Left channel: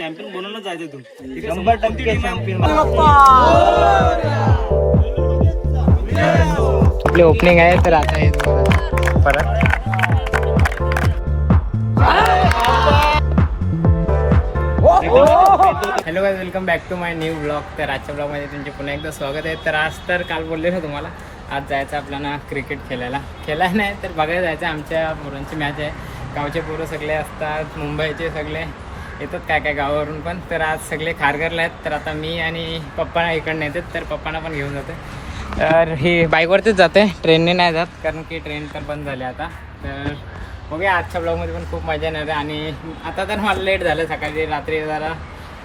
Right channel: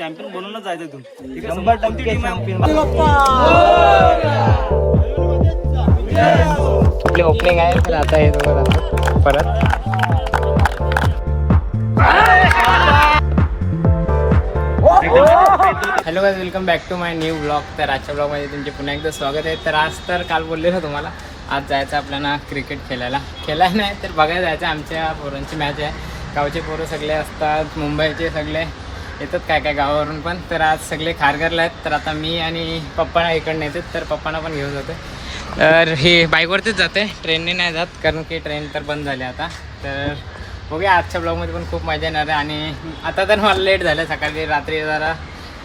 Champion बनवूनच जायचं तू शंभर टक्के चॅम्पियन आपले ओपनिंग आहे तर आता हे दोघं परत. Hello guys welcome back to my new blog तर आजच्या ब्लॉगमध्ये तुमचे पुन्हा एकदा स्वागत आहे. तर आज तर काल बोललेलो तुम्हाला आज जायचं आपल्याला क्रिकेट खेळायला. खेळायला नाही तर बघायला जायचं आमच्या पोरांची मॅच आहे. गावचे पोरं सगळे असतात मुंबईचे सगळे. येतात काय काय गावावरून पण. तर आज सगळे खारघरला आहेत. तर आता मी आणि पप्पा इकडनं येतात. तर पप्पांना पण घेऊन जाते. तर ही बाईकवरतीच जाते. ट्रेनने नाही जात कारण की ट्रेन तर बंद झाली आता. तर बघूया आजच्या ब्लॉगमध्ये पण खूप मजा येणार आहे. आणि आता तर मला लेट झालं सकाळी. रात्री जरा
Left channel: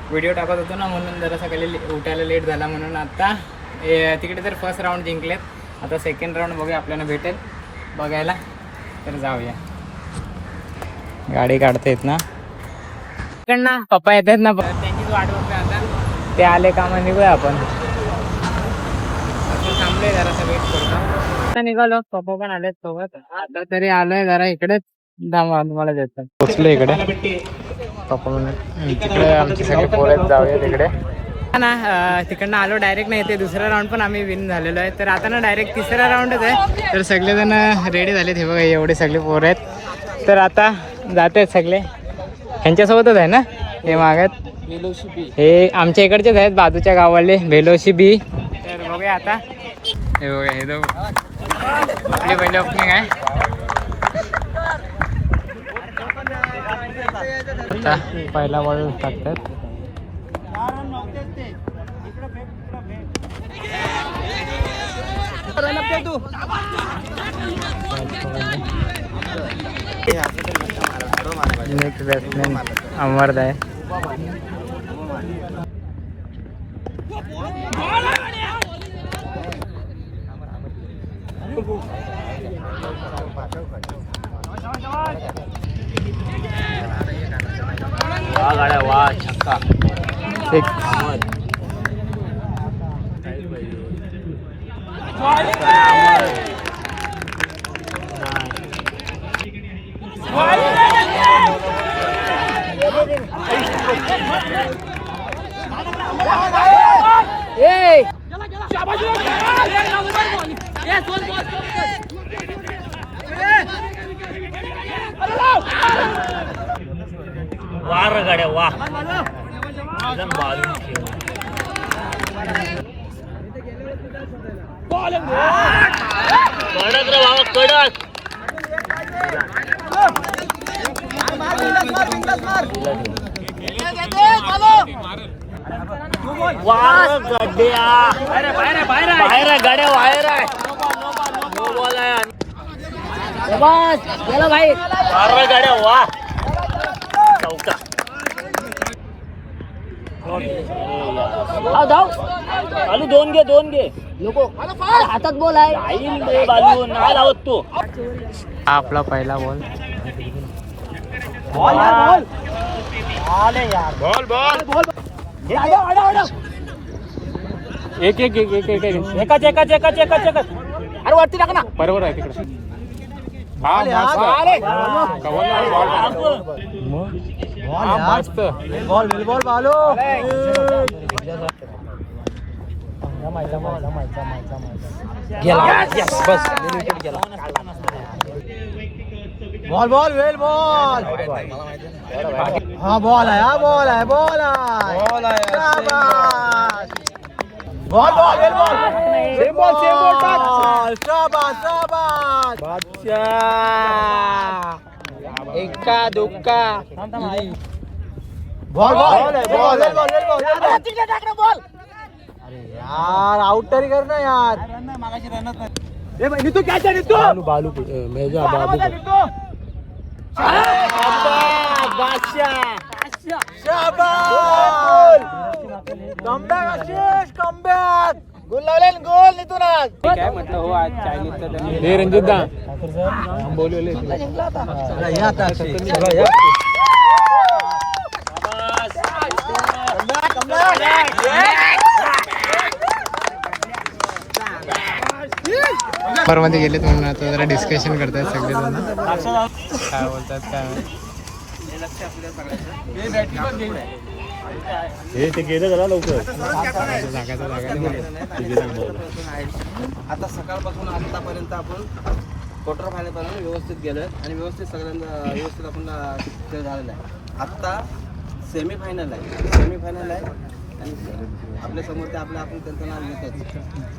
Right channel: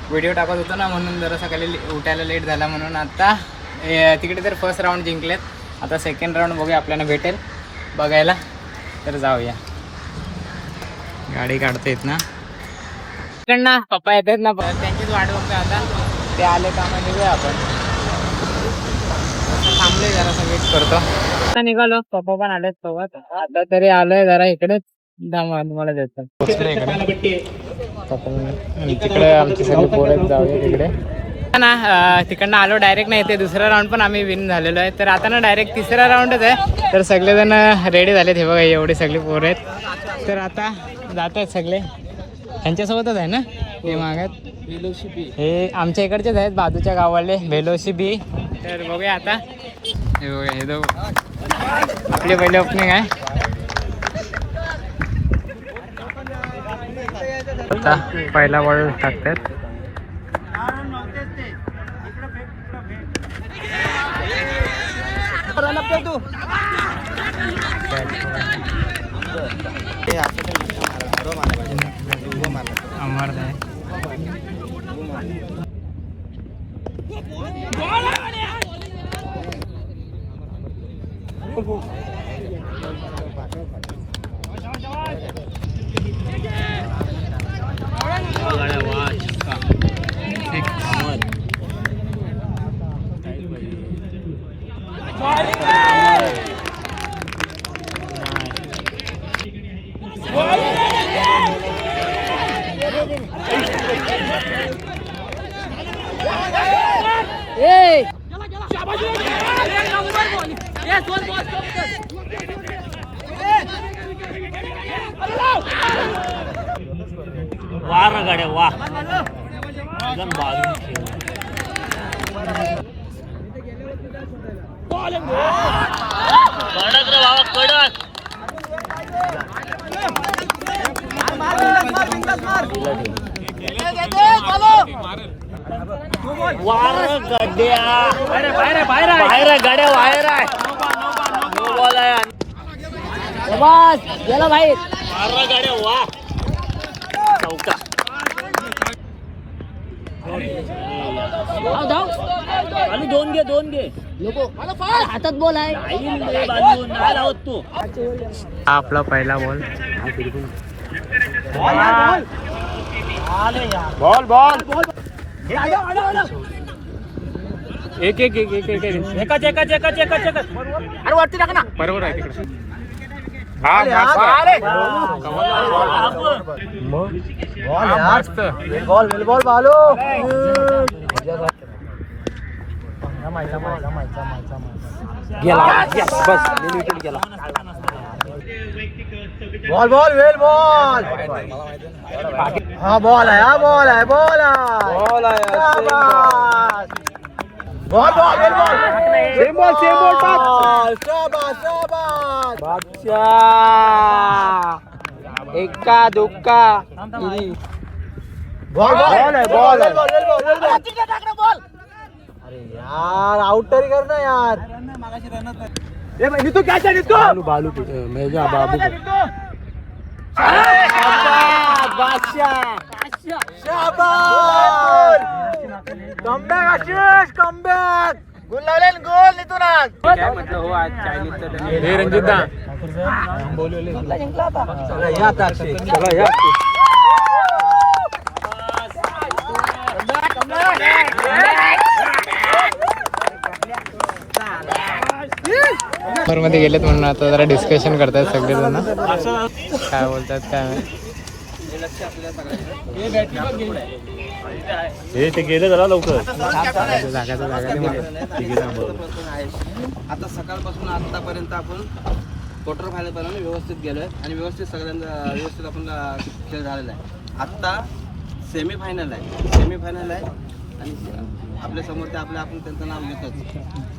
व्हिडिओ टाकत होतो ना म्हणून जरा सकाळी ले- उठायला लेट झाला म्हणून आता ए, तिकडे तर फर्स्ट राऊंड जिंकलेत. आता सेकंड राऊंड बघूया आपल्याला भेटेल बघायला. तर जाऊया. गाडी काढता येत ना. इकडनं पप्पा येत आहेत ना त्यांचीच वाट बघतो आता. ते आले का मग निघूया आपण. थांबले जरा वेट करतो. आता निघालो. पप्पा पण आलेत सोबत. आता तरी आलोय जरा इकडेच. पोचले इकडे. पप्पा म्हणून तिकडे आमची सगळी पोरं आहेत जाऊया तिकडे ना तिकडनं आलो डायरेक्ट नाही ते दुसरा राऊंड पण आम्ही विन झालेलो आहे. तर आता ना डायरेक्ट तिसरा राऊंडच आहे. तर सगळेजण रेडी झालेत. हे बघा एवढे सगळे पोरं आहेत. तर आता जात सगळे. यांच्यासोबतच आहे ना? हे मागत. हे आमच्या इकडचेच आहेत बाजूच्या गावाले भेलोशी बी तर बघूया आता. हे बघा हे दो आपले पहिले ओपनिंग आहे. आता पहिला बॉल टाकतात. अमरद आहे वा गाड्या वा छक्का Six. वा रे गाड्या वा एकदम बाजून खेळ कडक रे बाबा कडक वार गड्या बाहेर बाहेर गाड्या बाहेर आहे नो बॉल आहे वार गाड्या वा चौका चालू दोन घे दोन घे हातात बॉल आहे बाजू नाही लावत तू आपला पहिला बॉल एक एक एक एक एक एक एकाच एकाच एकाच एकाच एकाच अरे वरती टाक ना बरोबर आहे तिकडे हा हा, मस्त बॉल बॉल बालो बॉल बॉल वेल बॉल हा बॉल हा बॉल आहे बॉल आहे बॉल आहे ball ball ball same ball same ball शाबाश शाबाश। बादशाह। एका दुक्का। बॉल बॉल बॉल बॉल अरे यार आउट तरी कर ना यार ए भाई नितू क्या चाहिए नितू? बालू बालू मेजा बाबू शाबाश कमबॅक आशिष कमबॅक गोल लावले गोल नितून आज. काय म्हटलं हो आज चायनीजचं हे रणजित दा मध्ये गेलेत म्हणून आता जरा डिस्कशन करतायत सगळेजण. काय बोलतात काय हे ते गेलं जरा लवकर. आता सकाळपासून आतापर्यंत आपण क्वार्टर फायनल पर्यंत व्यवस्थित गेलोय आणि व्यवस्थित सगळ्यांना व्यवस्थित आपण खेळ झालेला आहे. आत्ता सेमी फायनल आहे. सेमी फायनल आहे. आणि आपल्यासमोर ते आपलं आपण त्यांचं नाव घेतोच.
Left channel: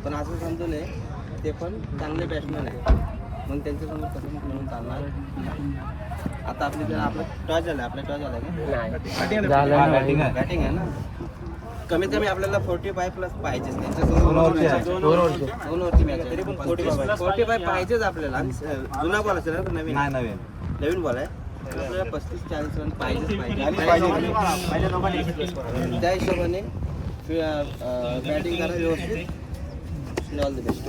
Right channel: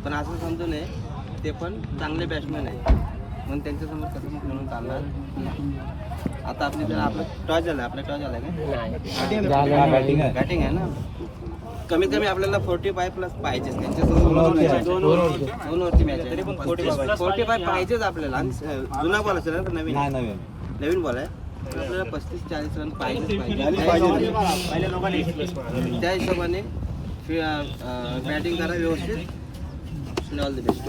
पण असं समजू नये ते पण चांगले बॅट्समॅन आहे मग त्यांच्यासमोर कसं पण खेळून चालणार? आता आपली जर आपलं टॉस झालं आपला टॉस झालाय का? बॅटिंग आहे ना? कमीत कमी आपल्याला फोर्टी फाय प्लस पाहिजे दोन ओव्हरची मॅच आहे. तरी पण फोर्टी फाय फोर्टी फाय पाहिजेच आपल्याला. आणि जुना बॉल असेल ना नवीन? नवीन. बॉल आहे. आपल्याला पस्तीस चाळीस रन पाहिजेच पाहिजे. त्या हिशोबाने बॅटिंग करा व्यवस्थित. ऑल द बेस्ट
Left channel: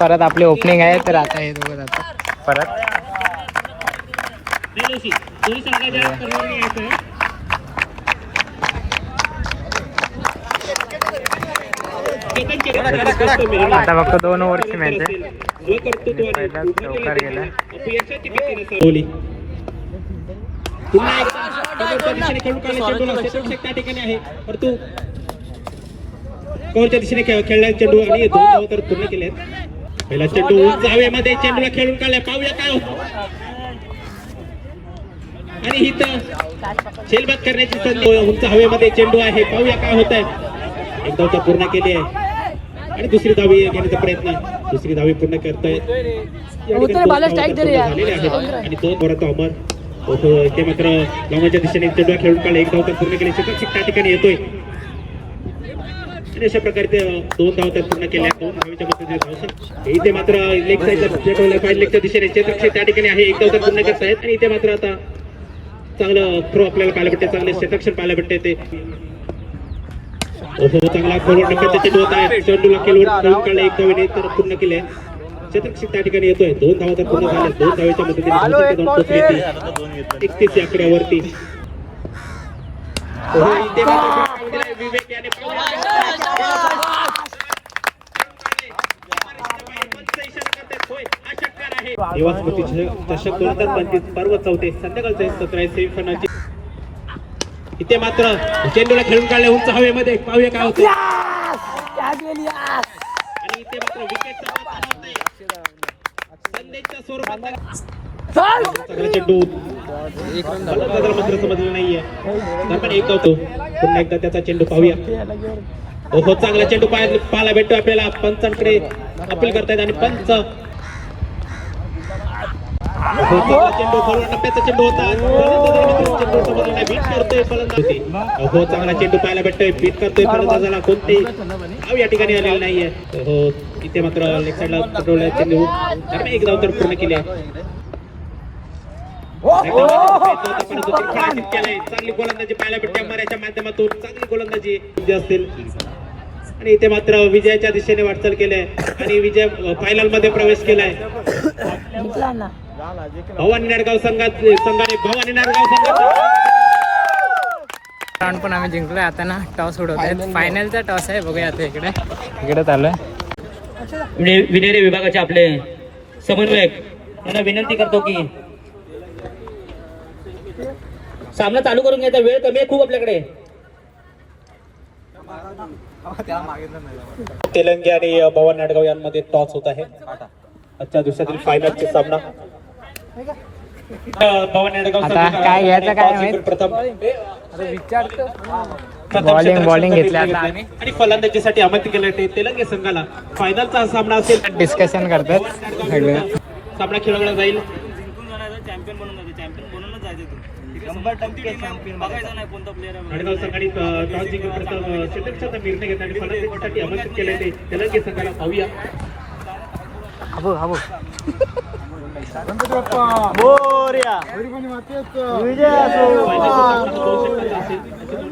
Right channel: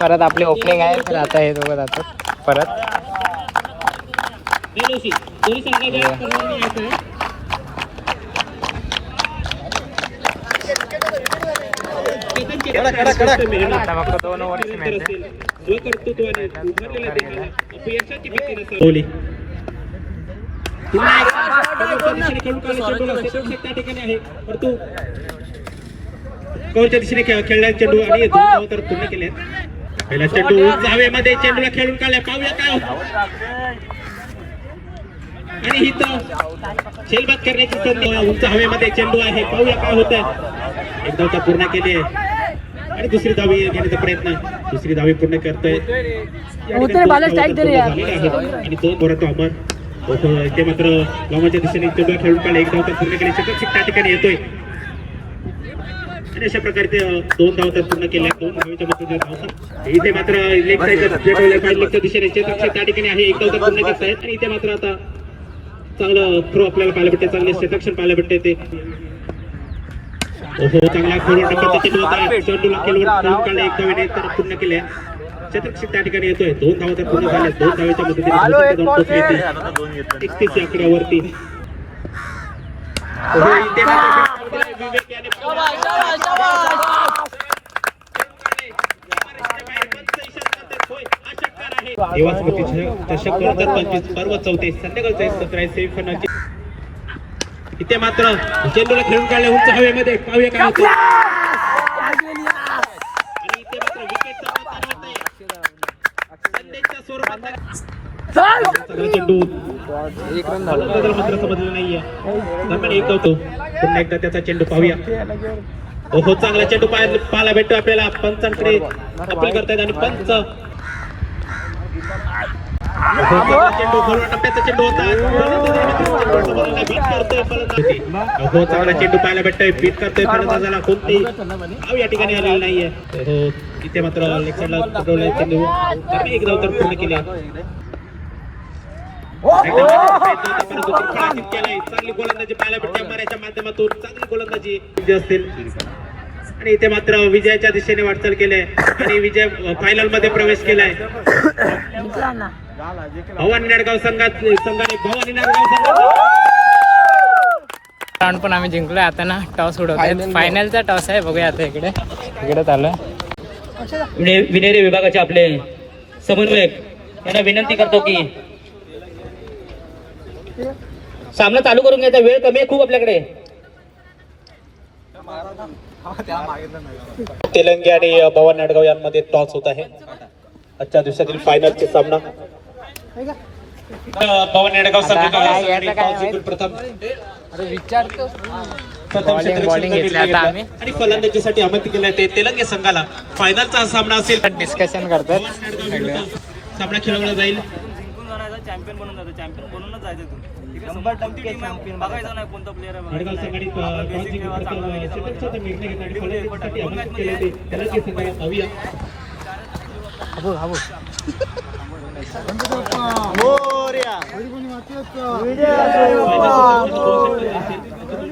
परत आपले ओपनिंग आहे तर आता हे दोघं जातात परत. आता फक्त दोन ओव्हरची मॅच आहे. पहिला चौकार गेला कवरच्या दिशेने खेळला चेंडू आणि दोन धावा तर पूर्ण केले पहिला चेंडू उंच हवेमध्ये चेंडूला खेळून काढला पाहूया काय आणि ही तर करण्याची संधी उंच हवेमध्ये चेंडू आहे पाहूया काय होत आहे एक धाव पूर्ण केली आहे आणि दुसरी धावी घेण्याचा प्रयत्न दुसरी धावी पूर्ण करतायत या आणि दोन बोराचा अमर. ते मात्र. लांबच्या दिशेने चेंडू खेळून काढला एक धावता पूर्ण केली. शतक त्या ठिकाणी येतोय. आणि अशा प्रकारे ते दोन धावता पूर्ण केल्या. दोन धावेच्या इथे मात्र लेग साईडला लेगच्या दिशेने क्षेत्रक्षेत्र त्या ठिकाणी आहे. एक धाव पूर्ण करत आहेत आणि इथे मात्र आता चांगलं थ्रो आपल्याला पाहायला भेटते. चांगले क्षेत्रक्षण पाहायला भेटते ते. चांगला खोलवर टप्प्यात होता आहे. चेंडूला केलवर खेळून काढला. एक धावेने तर पूर्ण केल्या. क्षेत्रक्षेत्र त्या ठिकाणी येतोय. दोन धावा तर पूर्ण झाल्या. दोन धावेच्या मदतीने एकतीस या आकड्यावरती. इथे मात्र विवेक याने दिवस स्मृती चषक दोन हजार पंचवीस पर्व चौथे संध्याकाळचे सत्र आहे सेमीफायनलचे इथे मात्र चेंडूला खेळून काढले उंच हवेमध्ये. पाहूया काय होतं आणि इथे मात्र विकेटचा पतन होत आहे. संदेशच्या स्वरूपात चांगला चेंडू मात्र समजलं नाहीये दरम्यान एक होतो पुन्हा एकदा त्याचा चेंडू पाहूया ओहो चांगला चेंडू पाहायला पाहायला भेटतो आपल्याला पंचांकडे अपील करतायत आणि पंच चेंडू फलवून टप्प्याचा चेंडू होता चेंडू चांगला चेंडू पाहायला भेटतोय. बीट करतोय फलंदाजाला कोणतेही. या ठिकाणी आलेलं नाहीये. हो. इथे मात्र लेग साईडला पटवलाय चेंडू दरम्यान एक धाव तर पूर्ण केली. चांगली गोलंदाजी पाहायला भेटते. अंबाऱ्याच्या माध्यमातून चांगली गोलंदाजी विजय असतील. आणि इथे मात्र विजयाच्या दिशेने वाटचाल केली आहे. आणि विजय फायनलमध्ये प्रवेश केलाय. भवानी नाडगाव संघात संघाने भवानी नाडगाव संघाचा. राऊंड पण आम्ही जिंकलोय. आता ना टॉस उडवतोय. फायनलचा टॉस आहे. बघूया आता इकडे. इकडे चालू आहे विनेरी विभागाचे आपले समन्वयक. यांना विनंती करतो की सामना चालू करून घ्यायचा वेळ कमी आहे खूप आपल्याकडे. तेलंगी आणि भवानी नाडगाव यांमध्ये टॉस होत आहे. आजच्या दिवसातील फायनलचे सामना. भवानी नाडगाव जिंकून प्रथम. क्षेत्ररक्षण bowling घेतलं आता आम्ही. आणि फलंदाजीसाठी आमंत्रित केलं ते तेलंगी संघाला फायनलचा सामना असेल. डिस्कशन करतोय. सामना खेळवला जाईल. चॅम्पियन बनून जातो. चॅम्पियन बनूनच जायचं तू. शंभर टक्के चॅम्पियन बघायचं नाही कोणता प्लेअर आहे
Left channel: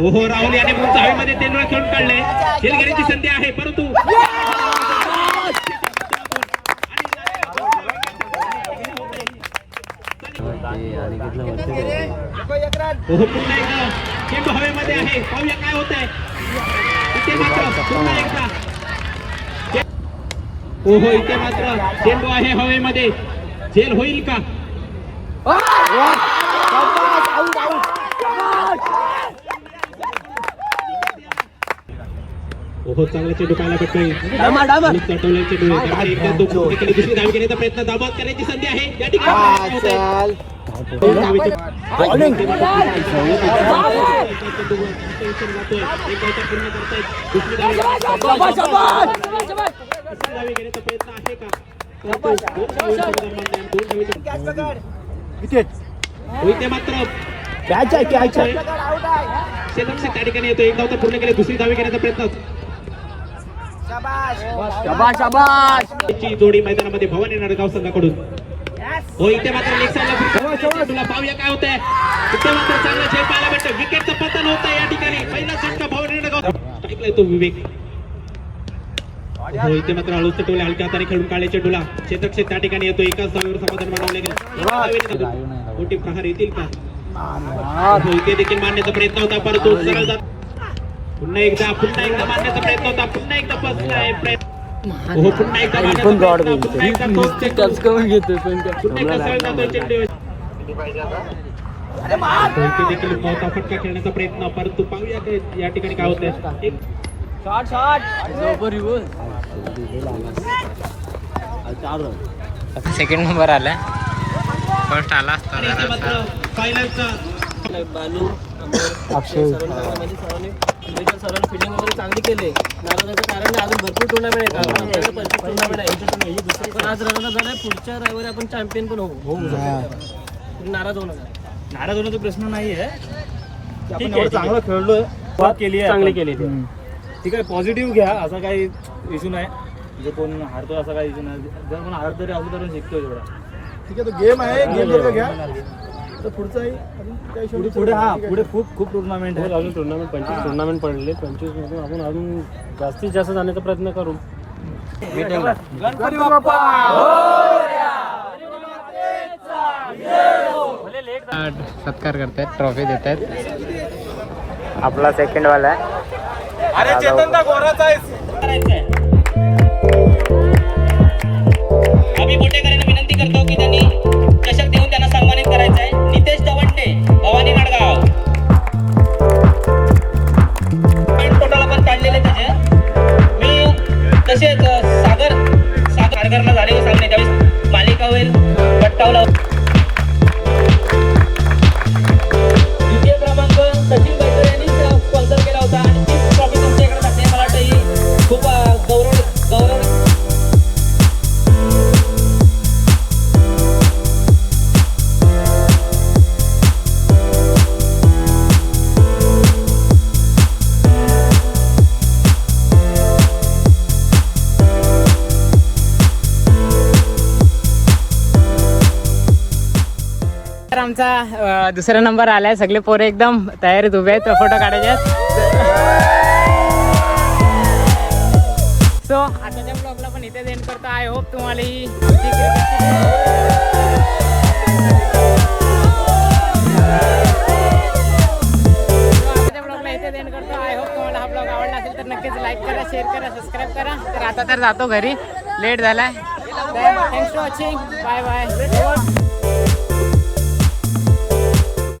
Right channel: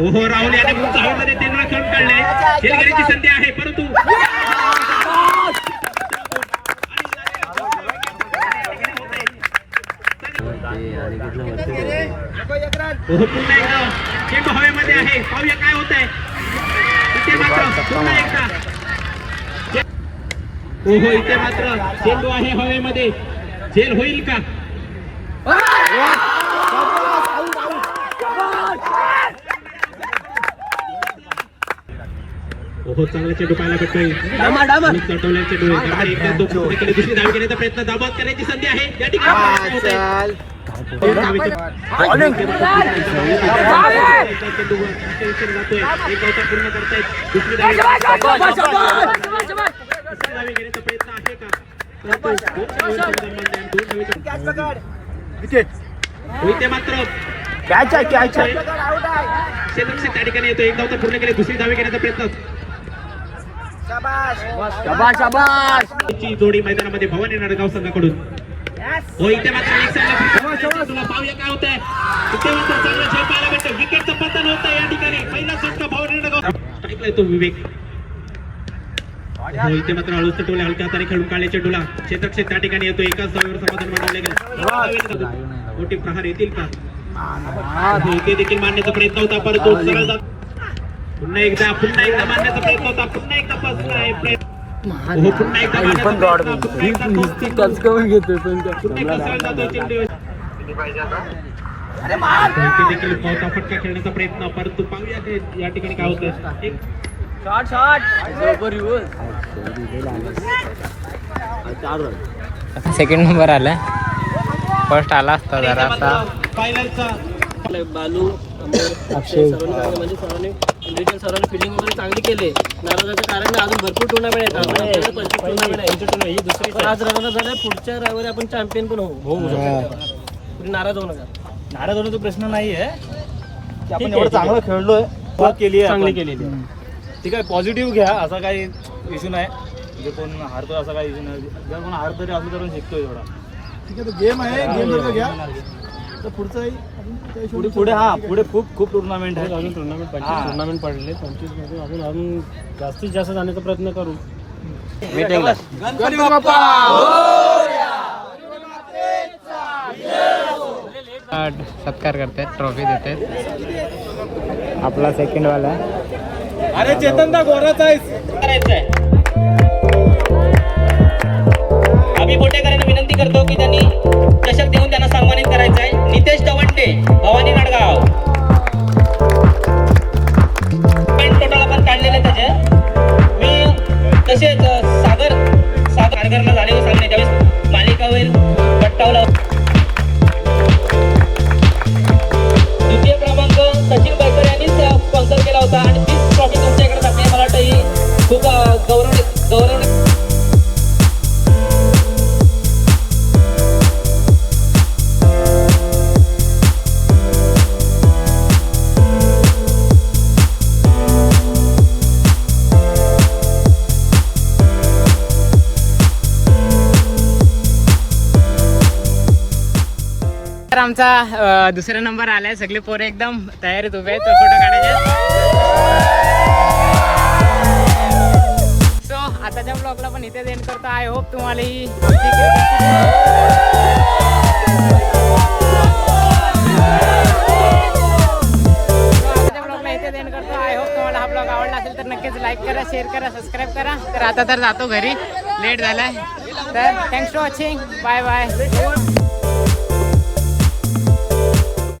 ओहो राहुल याने पुढच्या हवेमध्ये तीन वेळा खेळून काढलाय शेलगिरीची संधी आहे परंतु ओहो पुन्हा एकदा चेंडू हवेमध्ये आहे. पाहूया काय होत आहे इथे मात्र पुन्हा एकदा. ओहो इथे मात्र चेंडू आहे हवेमध्ये. झेल होईल का ओहो चांगला चेंडू पाहायला भेटतोय आणि चटवला चेंडू आहे. त्यामुळे एकदा तो पुढेकडे दुसरी धाव घेण्याचा प्रयत्न दाबात करायची संधी आहे. या ठिकाणी मात्र. कॅच आहे कॅच आहे. त्या ठिकाणी येतो एक धाव तर पूर्ण केले दुसरी धावे घेण्याचा प्रयत्न. शाबाश शाबाश ची जोडी मैदानामध्ये भवानी नाडगाव संघाकडून. हो इथे मात्र तुला पाहूया काय होत आहे इथे मात्र चांगला खेळ पाहायला भेटतो विकेटचं पतन होत या ठिकाणी. पहिला भवानी नाडगाव. ऐकलाय तो विवेक. हो इथे मात्र हळूच टोला हलक्या हाताने खेळून काढले चेंडूला क्षेत्रक्षक त्या ठिकाणी येतो एकाच धावेवर समाधान मानवले गेले. मोठी प्रहार येतील का? हो, इथे देखील मारण्याचा प्रयत्न होता. परंतु पुन्हा एकदा पुन्हा एकदा मारण्याचा प्रयत्न होता पुन्हा एकदा पुन्हा देखील मोठा फटका खेळण्याचा प्रयत्न परंतु पाहूया काय या ठिकाणी काय होतंय. एक सेकंड नंबर आला. फर्स्ट आला असता जरा आता बालू सर्वांनी म्हणजे सर्वांनी इंडिव्हिज्युअल सर्वांनी फिल्डिंग वगैरे चांगली केले. नाराजाचं कारण अजून भरपूर टुर्नामेंट आहेत. आपल्याकडे पंचवीस टुर्नामेंट आहे ही दुसरी पण आज रनाला झालं पुढच्या रविवारी आपण चॅम्पियन पण होऊ. तुम्ही नाराज होऊ नका. नाराज होण्याचा प्रश्न नाही आहे आपण एवढं चांगलं खेळलोय सुरुवात केली आहे केली ठीक आहे पॉझिटिव्ह घ्या असा काही इश्यू नाही. म्हणजे कोण हारतो असा काही इश्यू नाही. जर कोण हार तरी असलं तर शिकतोय थोडा ठीक आहे गेम आहे गेम जर का घ्या. तर पुढचाही पुढे पुढे हा पुढे खूप खूप टुर्नामेंट आहे अजून टुर्नामेंट पंचवीस टुर्नामेंट पडले पंचवीस मधून आपण अजून जास्तीत जास्त जाण्याचा प्रयत्न करू. मीटिंगला सत्कार करतायत ट्रॉफी देत आहेत आपला सेकंड वाला आहे. अरे चेतन दा गोराचा आम्ही बोटेकरांना विनंती करतो की त्यांनी चषक देऊन आमचा दुसरा नंबर आलाय. सगळे पोरे एकदम तयारीत उभे आहेत. फोटो काढायचे सो आताच्या ब्लॉगला पण इथे एंड करतो. आय होप तुम्हाला ही आताच्या ब्लॉगला इथे एंड करतो. आय होप तुम्हाला हा ब्लॉग आवडला असेल तर नक्कीच लाईक करा शेअर करा सबस्क्राईब करा. तर आता तर जातो घरी. लेट झालाय. तर thanks for watching bye bye